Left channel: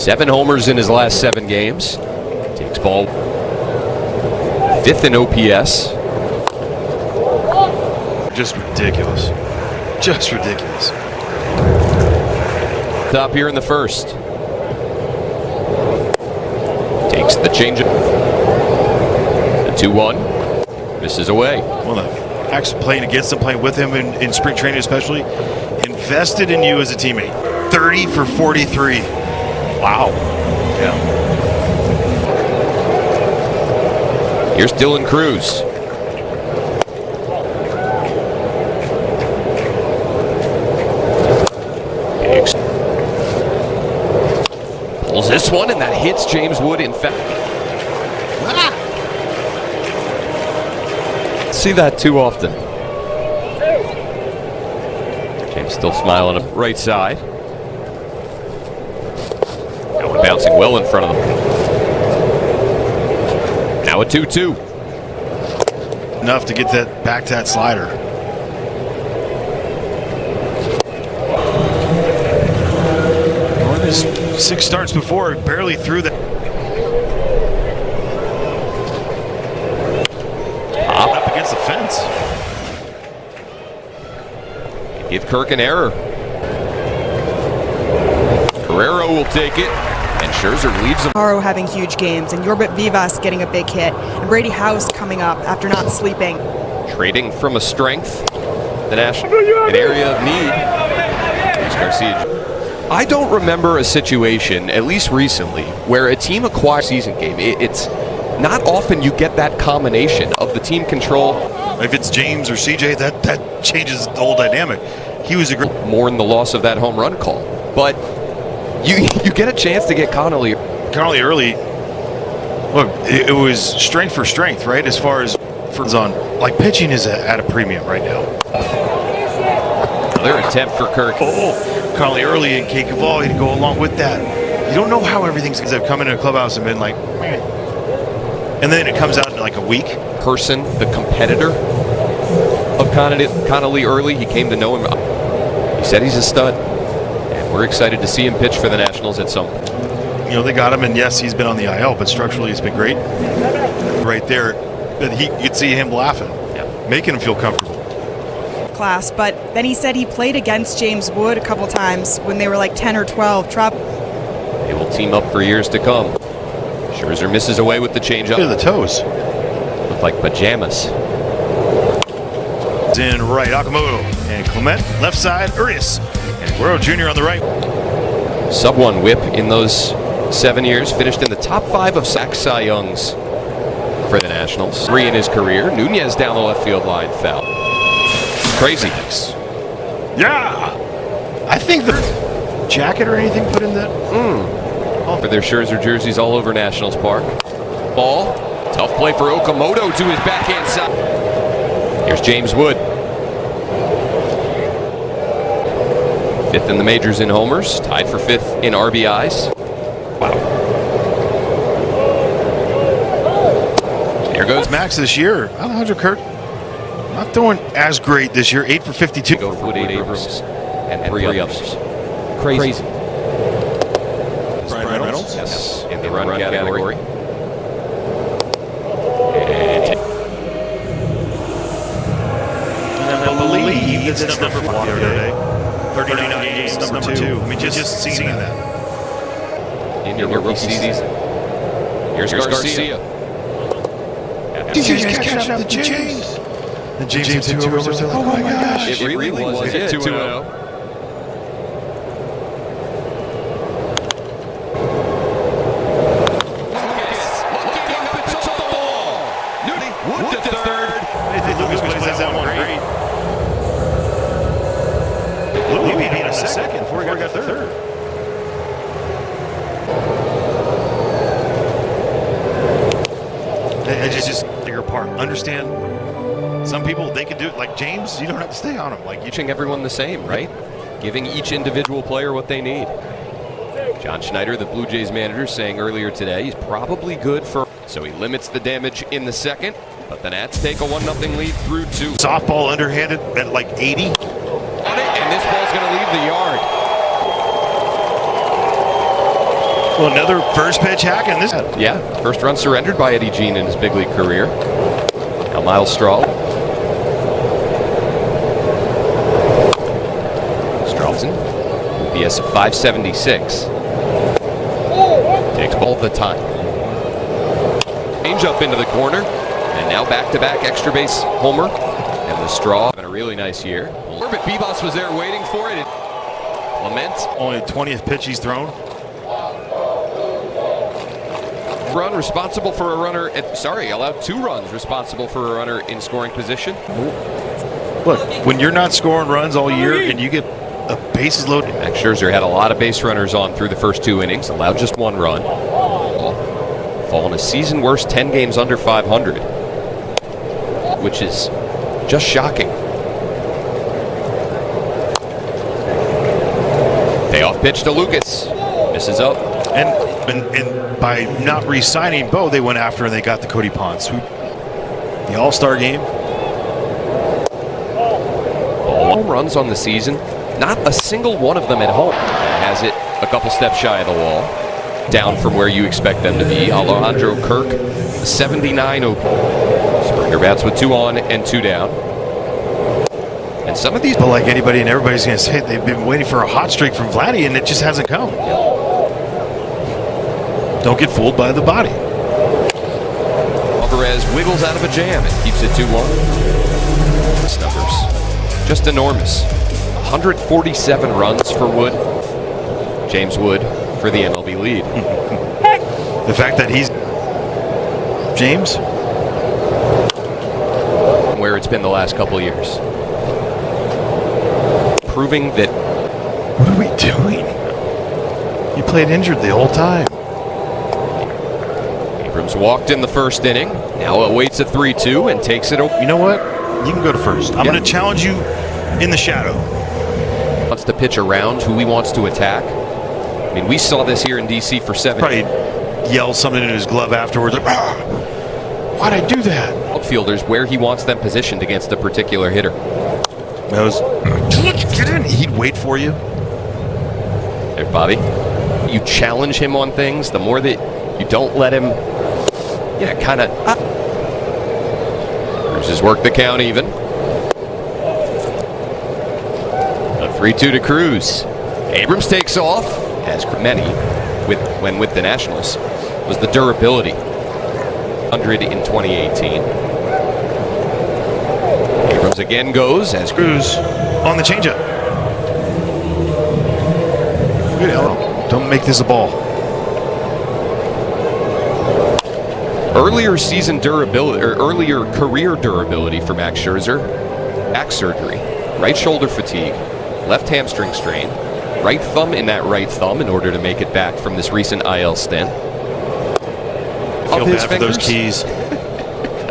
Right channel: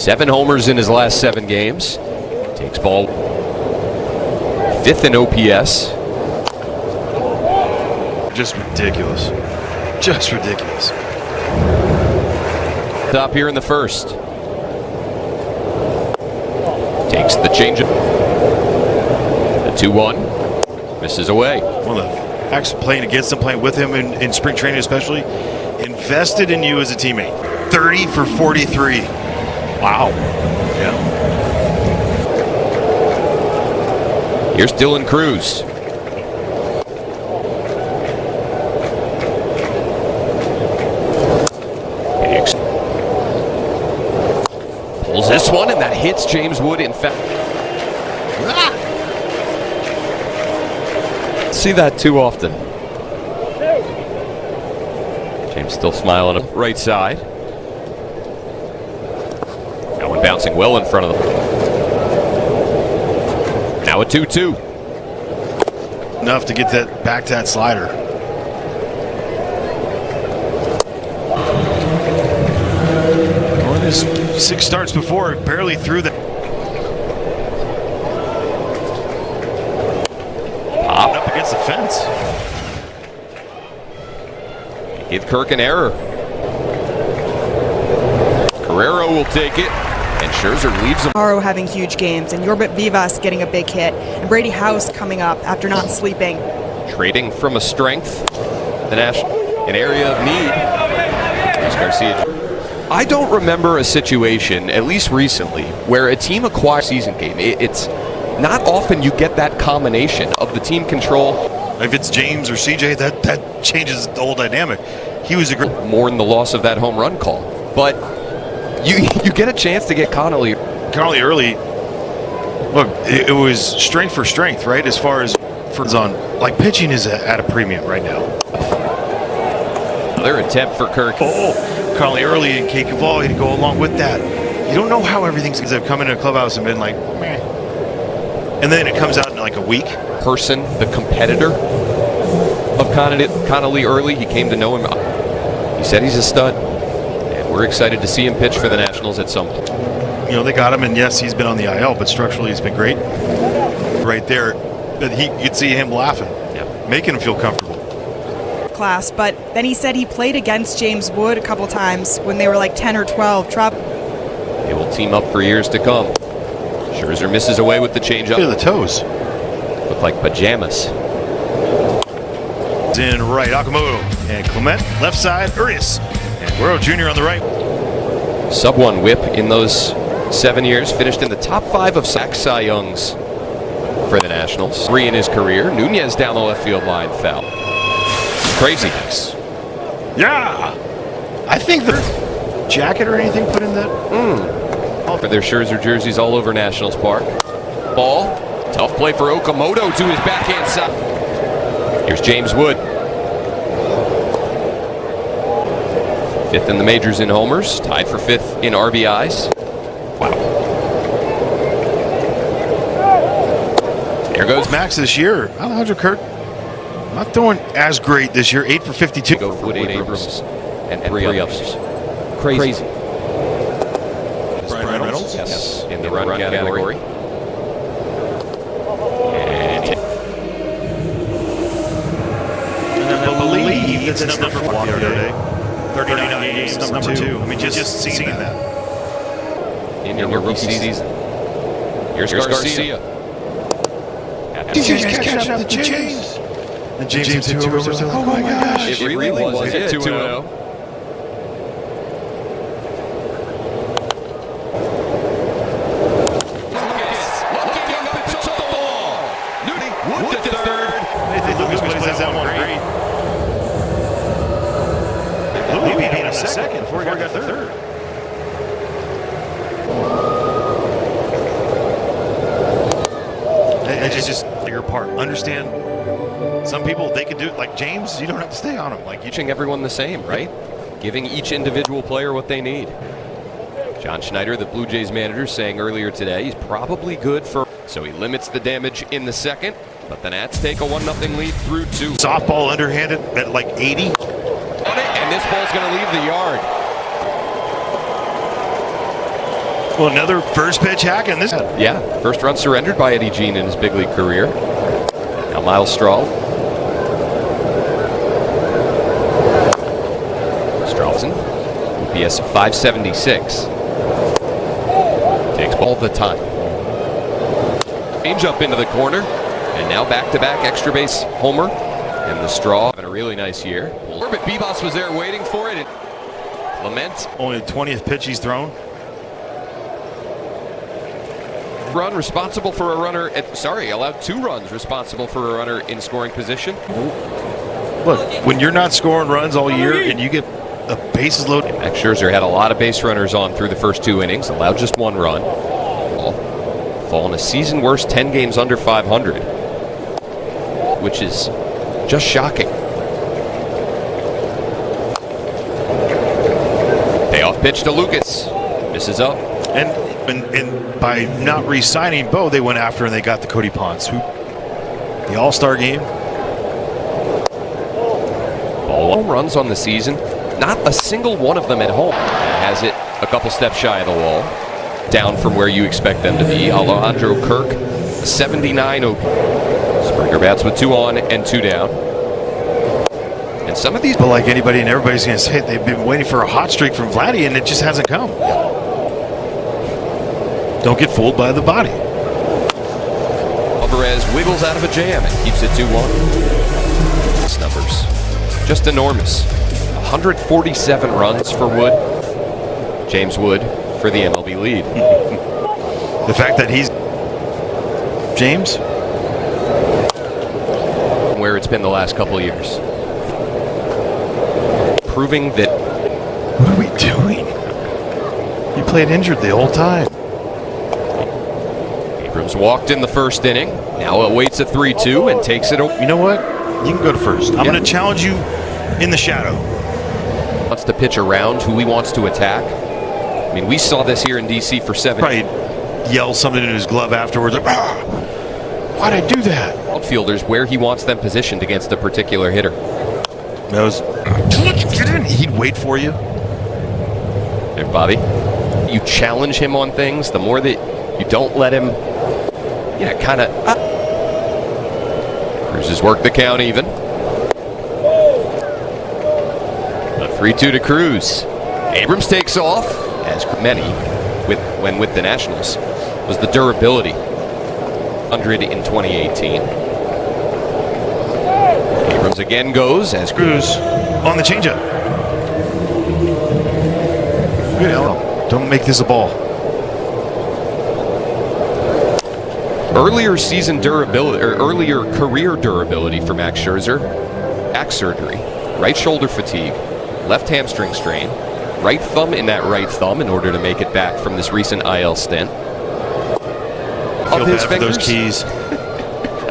7 homers in his last 7 games. Takes ball 5th in OPS. Just ridiculous. Just ridiculous. Top here in the first. Takes the changeup. The 2-1. Misses away. One of the actually playing against him, playing with him in spring training especially, invested in you as a teammate. 30 for 43. Wow. Yeah. Here's Dylan Cruz. Pulls this one, and that hits James Wood. In fact, see that too often. James still smiling on the right side. That one bouncing well in front of them. Now a 2-2. Enough to get that back to that slider. On his 6 starts before, barely threw that. Pop up against the fence. Give Kirk an error. Guerrero will take it, and Scherzer leaves him. Haro having huge games, and Yorbit Vivas getting a big hit, and Brady House coming up after not sleeping. Trading from a strength, the National, an area of need. Luis Garcia. I don't remember a situation, at least recently, where a team acquires a season game. It's not often you get that combination of the team control. If it's James or CJ, that changes the whole dynamic. He was a great. Mourn the loss of that home run call, but you get a chance to get Connolly early. Look, it was strength for strength, right? As far as on, like, pitching is at a premium right now. Another attempt for Kirk. Connolly early and Kate Cavalli to go along with that. You don't know how everything's. They've come into a clubhouse and been like, meh. And then it comes out in like a week. Person, the competitor of Connolly early, he came to know him. He said he's a stud, and we're excited to see him pitch for the Nationals at some point. You know, they got him, and yes, he's been on the IL, but structurally it's been great. Right there, that you'd see him laughing, making him feel comfortable. Class, but then he said he played against James Wood a couple times when they were like 10 or 12. They will team up for years to come. Scherzer misses away with the changeup. Look at the toes. Look like pajamas. In right, Okamoto and Clement left side, Urias and Guerrero Jr. on the right. Sub-1 whip in those 7 years. Finished in the top 5 of sack Cy Youngs for the Nationals. 3 in his career. Nunez down the left field line, foul. Crazy. Yeah, I think the jacket or anything put in that. For their Scherzer jerseys all over Nationals Park. Ball. Tough play for Okamoto to his backhand side. Here's James Wood. 5th in the majors in homers. Tied for 5th in RBIs. Wow. There goes Max this year. Alejandro Kirk not doing as great this year. 8 for 52. Go for Wood Abrams and 3 others. Crazy. Brian Reynolds? Yes, in the run category. And I believe that's number 4 the other day. 39 games, number 2. I mean, just seeing that. In your rookie season. Here's Garcia. Did you guys catch up to James? And James hit 2 overs. Oh my gosh. It really was 2-0. Wood to third. Nathan Lucas plays that one great. Louis beat him in a second before he got to third. It's just your part. Understand, some people, they can do it. Like James, you don't have to stay on him. Like, Teaching everyone the same, right? Giving each individual player what they need. John Schneider, the Blue Jays manager, saying earlier today he's probably good for. So he limits the damage in the second, but the Nats take a 1-0 lead through 2. Softball underhanded at like 80. On it, and this ball's going to leave the yard. Well, another first pitch hack in this. Yeah, first run surrendered by Eddie Jean in his big league career. Now Miles Strahl. Stralfson, OPS of 576. Takes ball the time. Change up into the corner, and now back-to-back extra base homer. And the Straw having a really nice year. But Bebos was there waiting for it. Lament. Only the 20th pitch he's thrown. Run responsible for a runner allowed 2 runs responsible for a runner in scoring position. Look, when you're not scoring runs all year and you get a bases loaded. Max Scherzer had a lot of base runners on through the first 2 innings, allowed just 1 run. Fallen a season worst 10 games under 500, which is just shocking. Payoff pitch to Lucas. Misses up. And by not re-signing Bo, they went after and they got the Cody Ponce, the All-Star game. Ball home runs on the season. Not a single one of them at home. Has it a couple steps shy of the wall. Down from where you expect them to be. Alejandro Kirk, a 79 OP. Springer bats with 2 on and 2 down. And some of these... But like anybody and everybody's going to say, they've been waiting for a hot streak from Vladdy and it just hasn't come. Yep. Don't get fooled by the body. Alvarez wiggles out of a jam and keeps it 2-1. These numbers, just enormous. 147 runs for Wood. James Wood for the MLB lead. The fact that he's James, where it's been the last couple of years, proving that. What are we doing? You played injured the whole time. Abrams walked in the first inning. Now awaits a 3-2 and takes it. You know what? You can go to first. I'm going to challenge you in the shadow. Wants to pitch around who he wants to attack. I mean, we saw this here in DC for 7. Probably yell something in his glove afterwards, like, why'd I do that? Outfielders where he wants them positioned against a particular hitter. That was, get in. He'd wait for you. There, Bobby. You challenge him on things, the more that you don't let him, kind of. Cruz has worked the count even. A 3-2 to Cruz. Abrams takes off, as many when with the Nationals, was the durability. 100 in 2018. Abrams again goes as Cruz on the changeup. Good Ellen. Don't make this a ball. Earlier season durability, or earlier career durability for Max Scherzer. Back surgery, right shoulder fatigue, left hamstring strain, right thumb in that right thumb in order to make it back from this recent IL stint. I feel bad for those keys.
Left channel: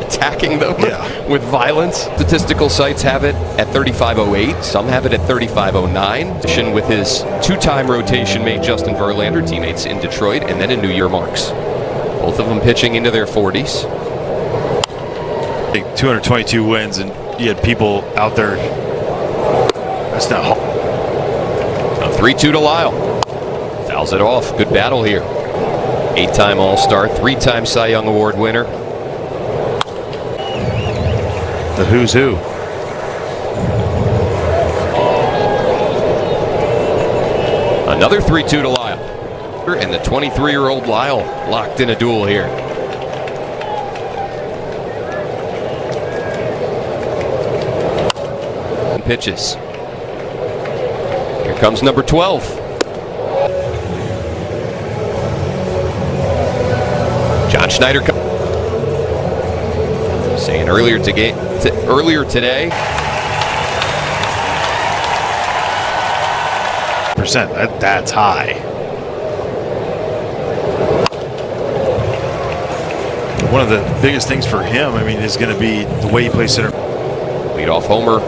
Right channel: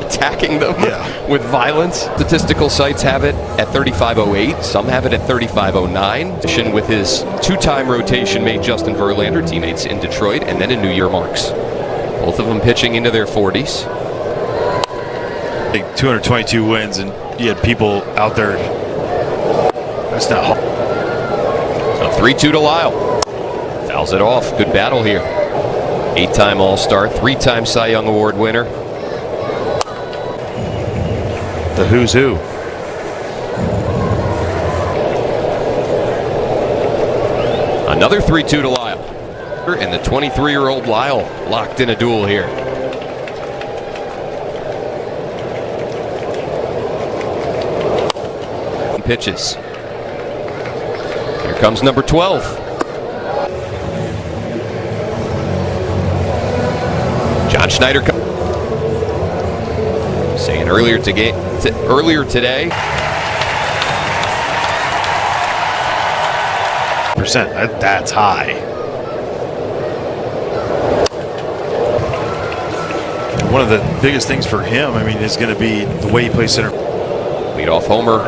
Attacking them with violence. Statistical sites have it at 35.08. Some have it at 35.09. With his 2-time rotation mate Justin Verlander, teammates in Detroit, and then in New Year marks. Both of them pitching into their 40s. I think 222 wins, and you had people out there. That's not. A 3-2 to Lyle. Fouls it off. Good battle here. 8-time All-Star, 3-time Cy Young Award winner. The who's who. Another 3-2 to Lyle. And the 23-year-old Lyle locked in a duel here. Pitches. Here comes number 12. John Schneider saying earlier today. That's high. One of the biggest things for him, I mean, is going to be the way he plays center. Leadoff homer.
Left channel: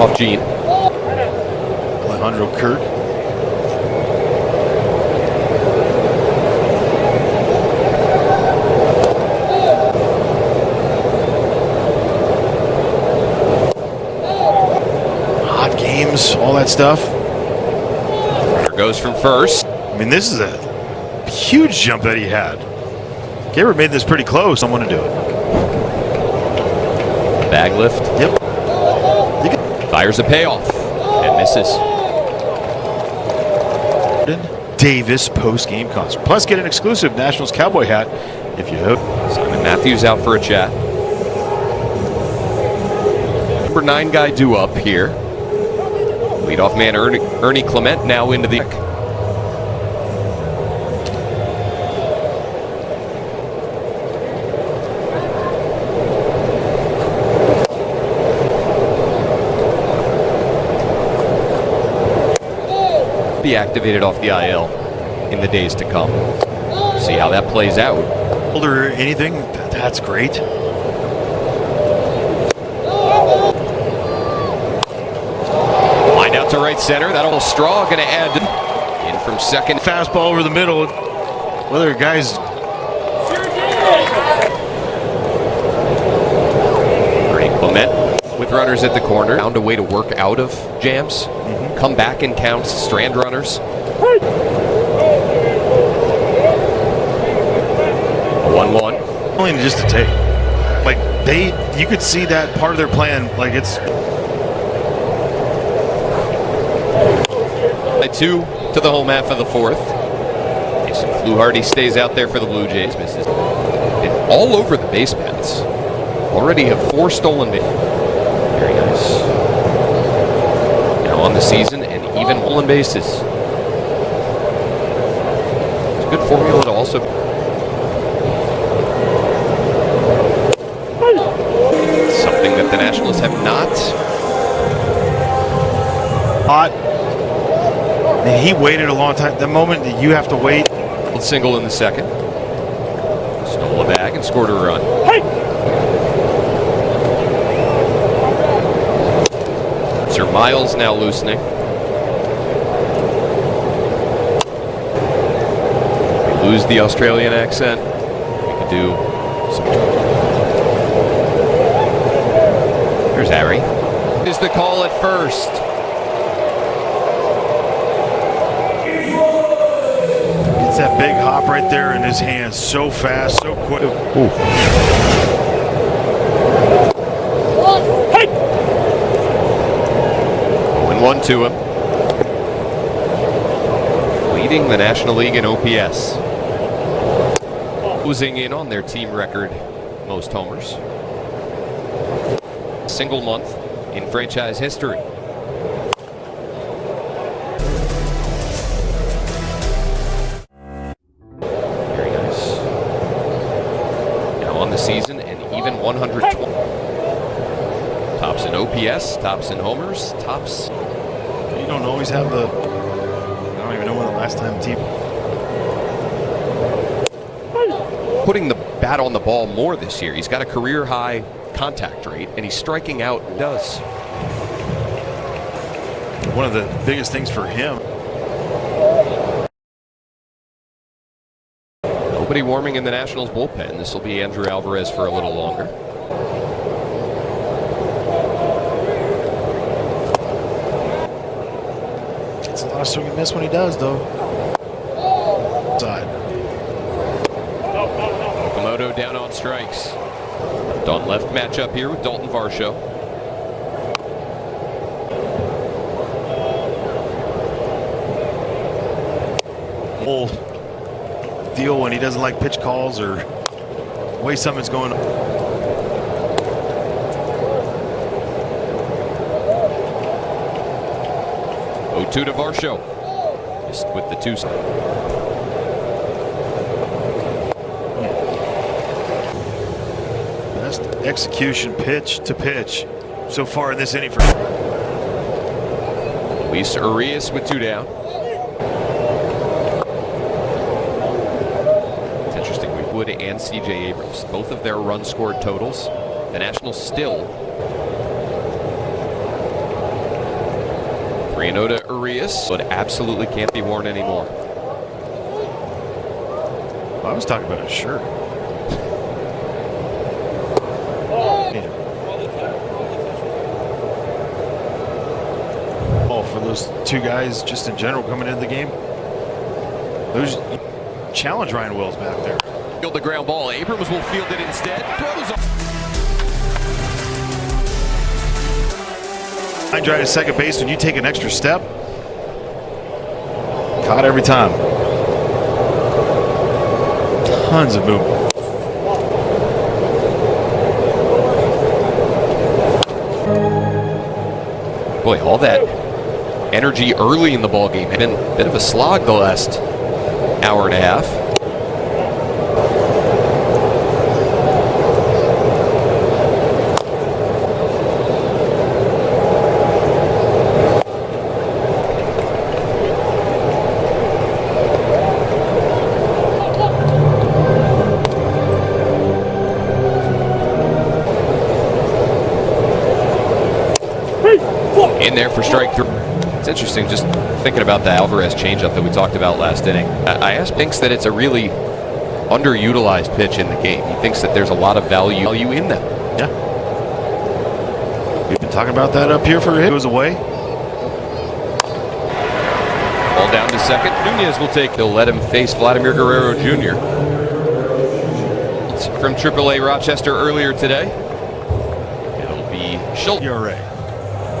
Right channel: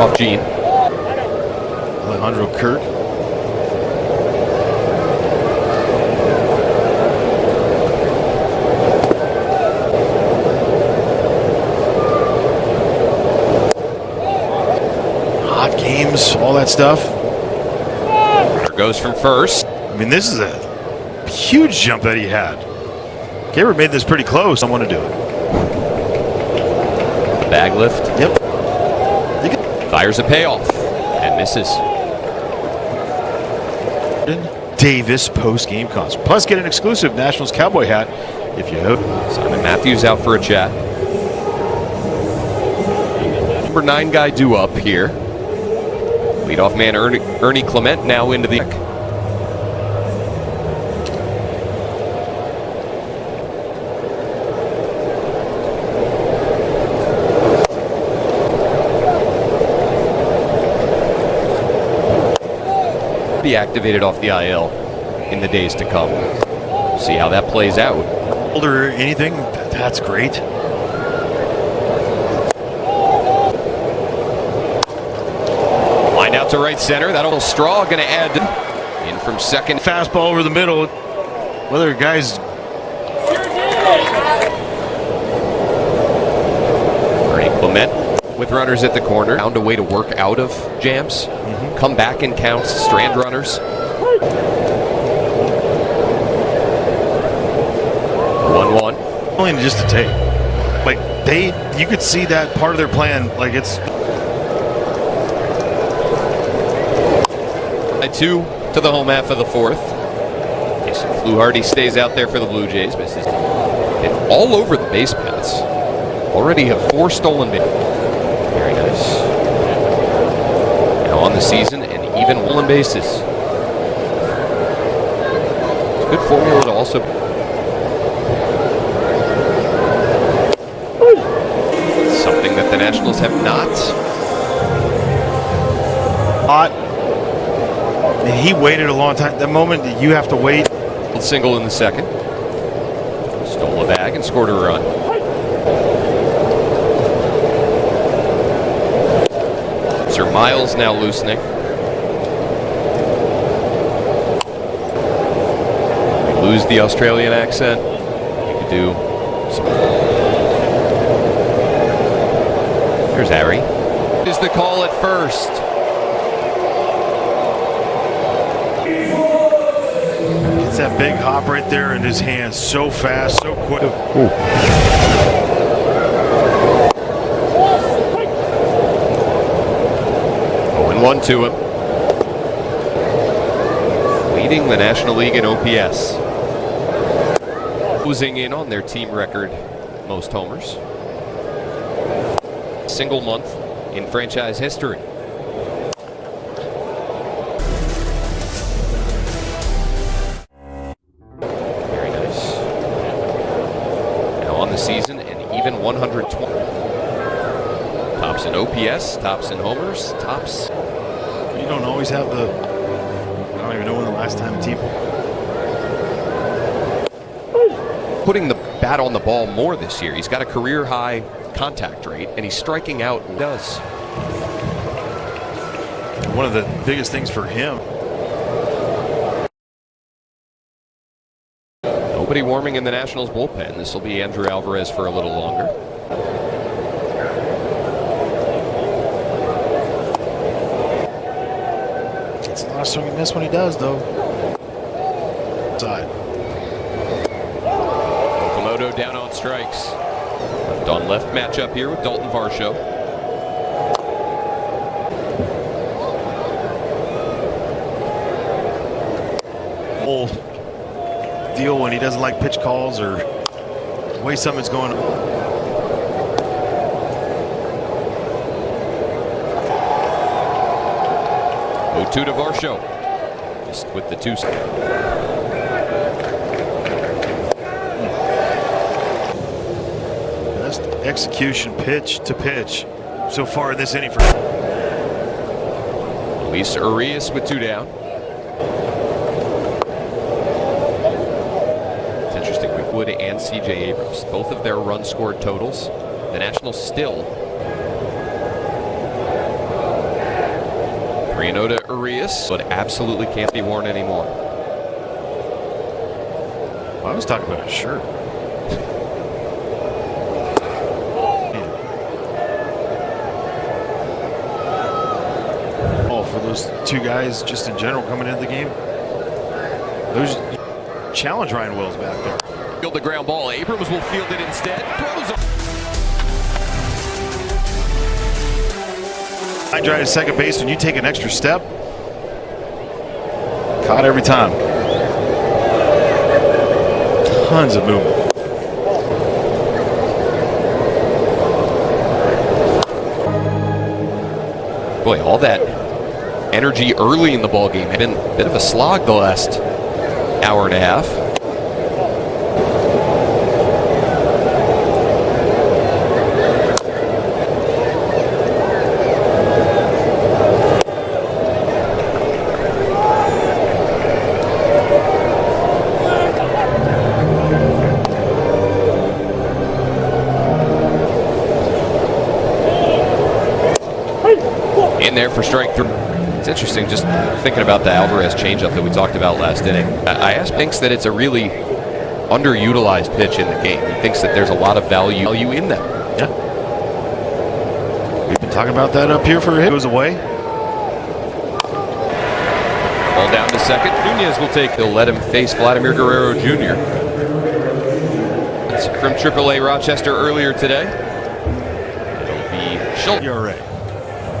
Off Gene. Alejandro Kirk. Hot games, all that stuff. Goes from first. I mean, this is a huge jump that he had. Gabriel made this pretty close. I want to do it. Bag lift. Yep. Fires a payoff and misses. Davis post-game concert. Plus, get an exclusive Nationals cowboy hat if you hope. Simon Matthews out for a chat. Number 9 guy due up here. Leadoff man Ernie Clement now into the deck. Be activated off the IL in the days to come. See how that plays out. Or anything, that's great. Line out to right center. That old straw going to add in from second. Fastball over the middle. Whether guys. Ernie Clement with runners at the corner. Found a way to work out of jams. Come back and counts strand runners. A 1-1. Only just to take. Like, you could see that part of their plan. Like, it's. A 2 to the home half of the fourth. Jason Fluharty stays out there for the Blue Jays. Misses. And all over the base paths. Already have 4 stolen bases. Very nice. Now on the season and even stolen bases. It's a good formula to also. Something that the Nationals have not. Hot. And he waited a long time. The moment that you have to wait. Single in the second. Stole a bag and scored a run. Sir Miles now loosening. We lose the Australian accent. We could do some. There's Harry. Is the call at first. Gets that big hop right there in his hands. So fast, so quick. Ooh. 0-1 to him. Leading the National League in OPS. Closing in on their team record most homers. Single month in franchise history. Very nice. Now on the season and even 120. Tops in OPS, tops in homers, tops. You don't always have the. I don't even know when the last time a team. Putting the bat on the ball more this year. He's got a career high contact rate and he's striking out. Does. One of the biggest things for him. Nobody warming in the Nationals bullpen. This will be Andrew Alvarez for a little longer. It's a lot of swing and miss when he does, though. Side. Okamoto down on strikes. Left on left matchup here with Dalton Varsho. Whole deal when he doesn't like pitch calls or the way something's going. 0-2 to Varsho. Just with the 2. Best execution pitch to pitch so far in this inning for Luis Urias with 2 down. It's interesting. Wood and CJ Abrams, both of their run scored totals. The Nationals still 3-0 to Urias, but absolutely can't be worn anymore. I was talking about a shirt. Oh, for those 2 guys just in general coming into the game. Those challenge Ryan Wills back there. Field the ground ball. Abrams will field it instead. Throws up. Line drive to second base when you take an extra step. Caught every time. Tons of movement. Boy, all that energy early in the ball game had been a bit of a slog the last hour and a half. In there for strike 3. It's interesting just thinking about the Alvarez changeup that we talked about last inning. I asked thinks that it's a really underutilized pitch in the game. He thinks that there's a lot of value in them. Yeah. We've been talking about that up here for a hit. Goes away. Ball down to second. Nunez will take. He'll let him face Vladimir Guerrero Jr. It's from AAA Rochester earlier today. It'll be Schultz. ERA.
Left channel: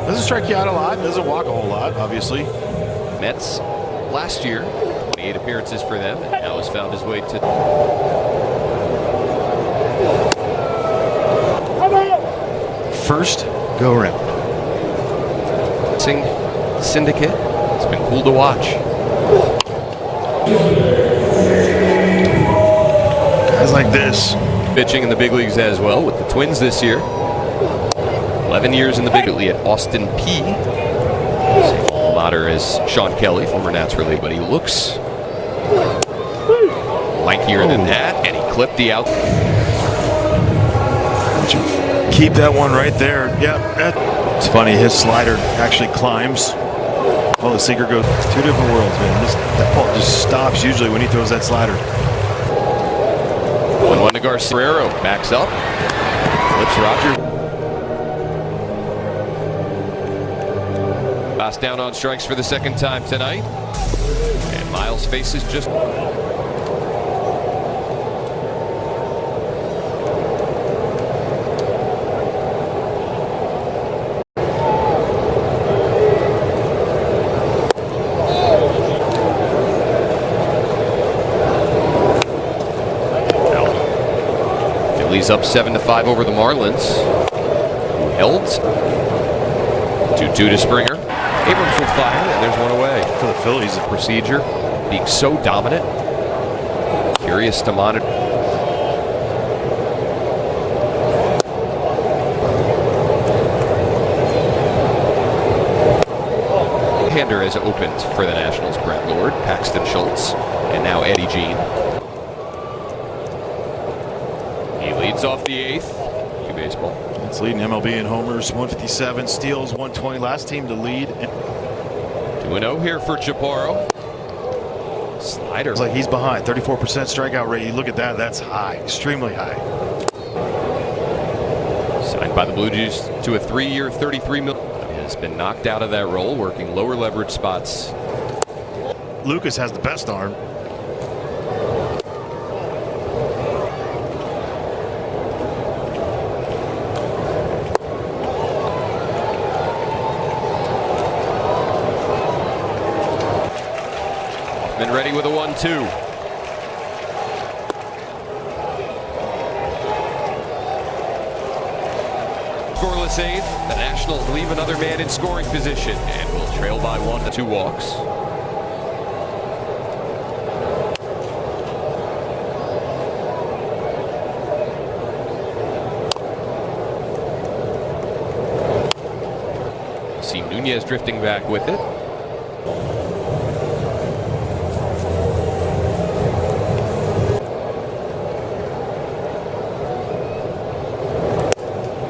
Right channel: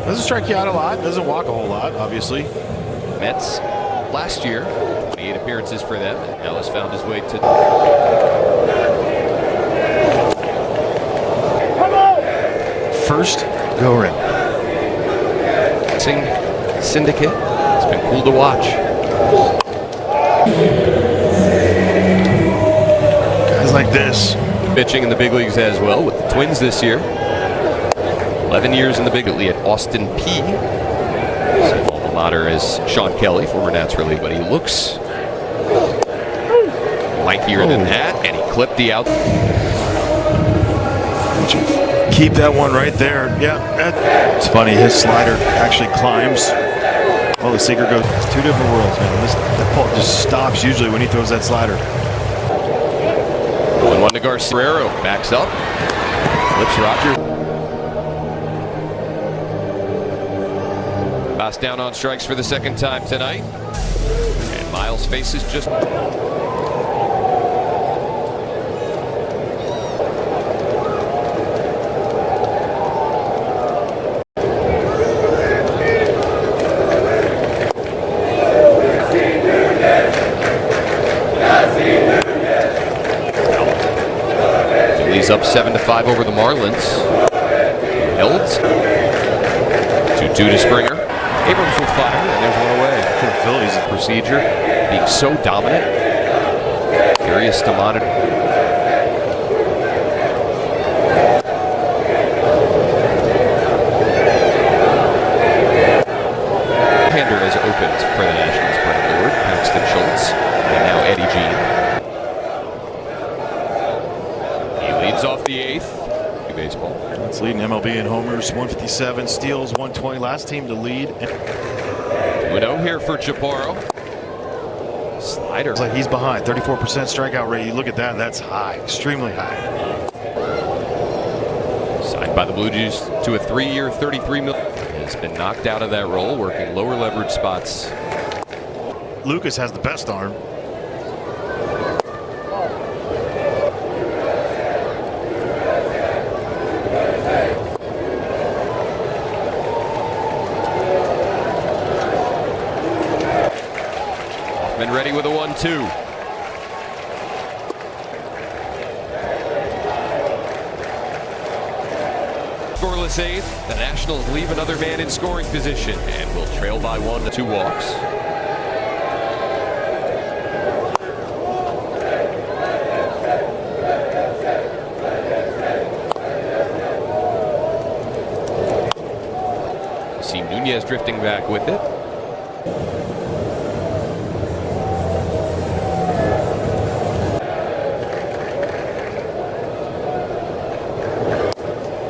Doesn't strike you out a lot. Doesn't walk a whole lot, obviously. Mets last year, 28 appearances for them, and now has found his way to first go around. Syndicate. It's been cool to watch. Guys like this. Pitching in the big leagues as well with the Twins this year. 11 years in the big league at Austin P. Same alma mater as Sean Kelly, former Nats reliever, but he looks lankier than that, and he clipped the out. Don't you keep that one right there. Yeah, it's funny. His slider actually climbs. Oh, the sinker goes. Two different worlds, man. That ball just stops usually when he throws that slider. 1-1 to Garcia. Backs up. Flips Roger. Pass down on strikes for the second time tonight. And Miles faces just... Phillies up 7-5 over the Marlins, who held 2-2 to Springer. Abrams will fire, and there's one away. For the Phillies, the procedure being so dominant. Curious to monitor. Hander has opened for the Nationals. Brad Lord, Paxton Schultz, and now Eddie Jean. He leads off the 8th. Baseball. That's leading MLB in homers, 157, steals, 120. Last team to lead. 2-0 here for Chaparro. Slider. It's like he's behind. 34% strikeout rate. You look at that. That's high. Extremely high. Signed by the Blue Jays to a 3-year, $33 million. Has been knocked out of that role, working lower leverage spots. Lucas has the best arm. Been ready with a 1-2. Scoreless 8th. The Nationals leave another man in scoring position and will trail by 1 to 2 walks. See Nunez drifting back with it.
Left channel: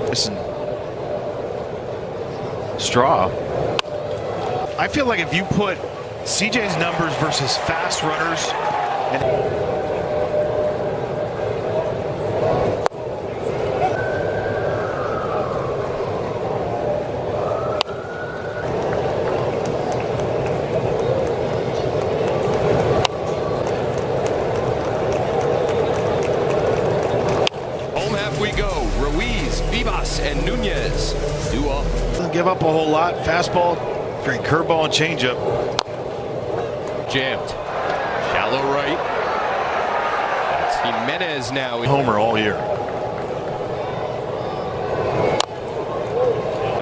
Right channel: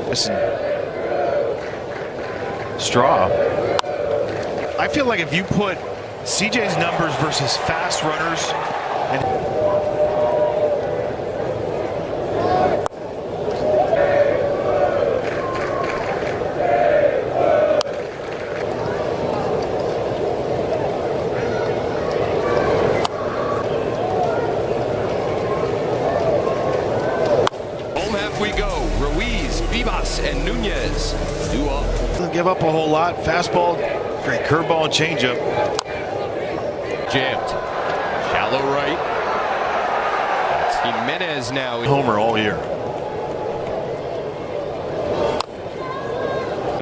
Listen, Straw. I feel like if you put CJ's numbers versus fast runners and Home half we go. Ruiz, Vivas, and Nunez due up. Doesn't give up a whole lot. Fastball, great curveball and changeup. Jammed. Shallow right. That's Jimenez now. Homer all year.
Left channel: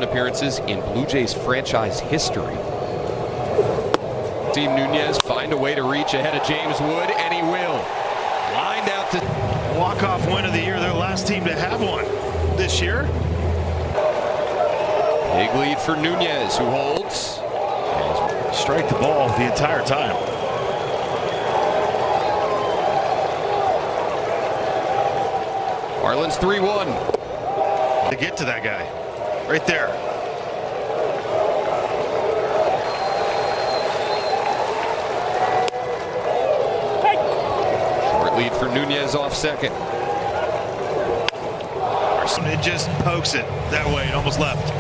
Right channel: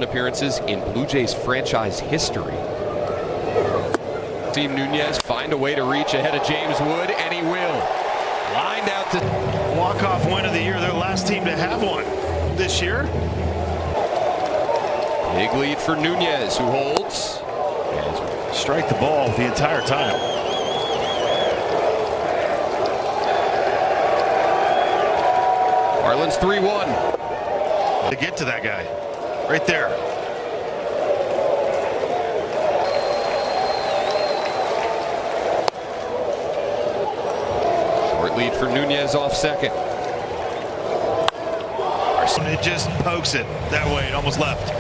Appearances in Blue Jays franchise history. Team Nunez find a way to reach ahead of James Wood, and he will. Lined out to Walk-off win of the year. They're the last team to have one this year. big lead for Nunez, who holds. And strike the ball the entire time. Marlins 3-1. To get to that guy. Right there. Short lead for Nunez off second. It just pokes it that way. It almost left.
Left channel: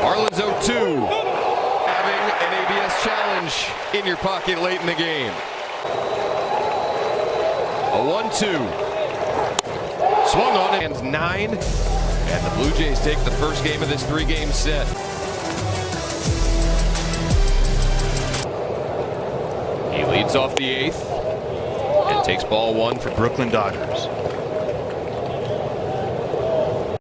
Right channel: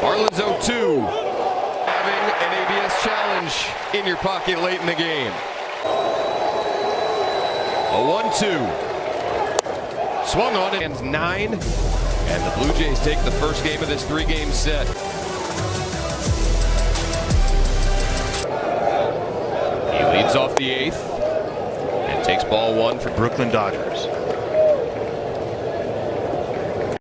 Marlins 0-2. Having an ABS challenge in your pocket late in the game. A 1-2. Swung on it, and 9. And the Blue Jays take the first game of this 3-game set. He leads off the 8th and takes ball 1 for Brooklyn Dodgers.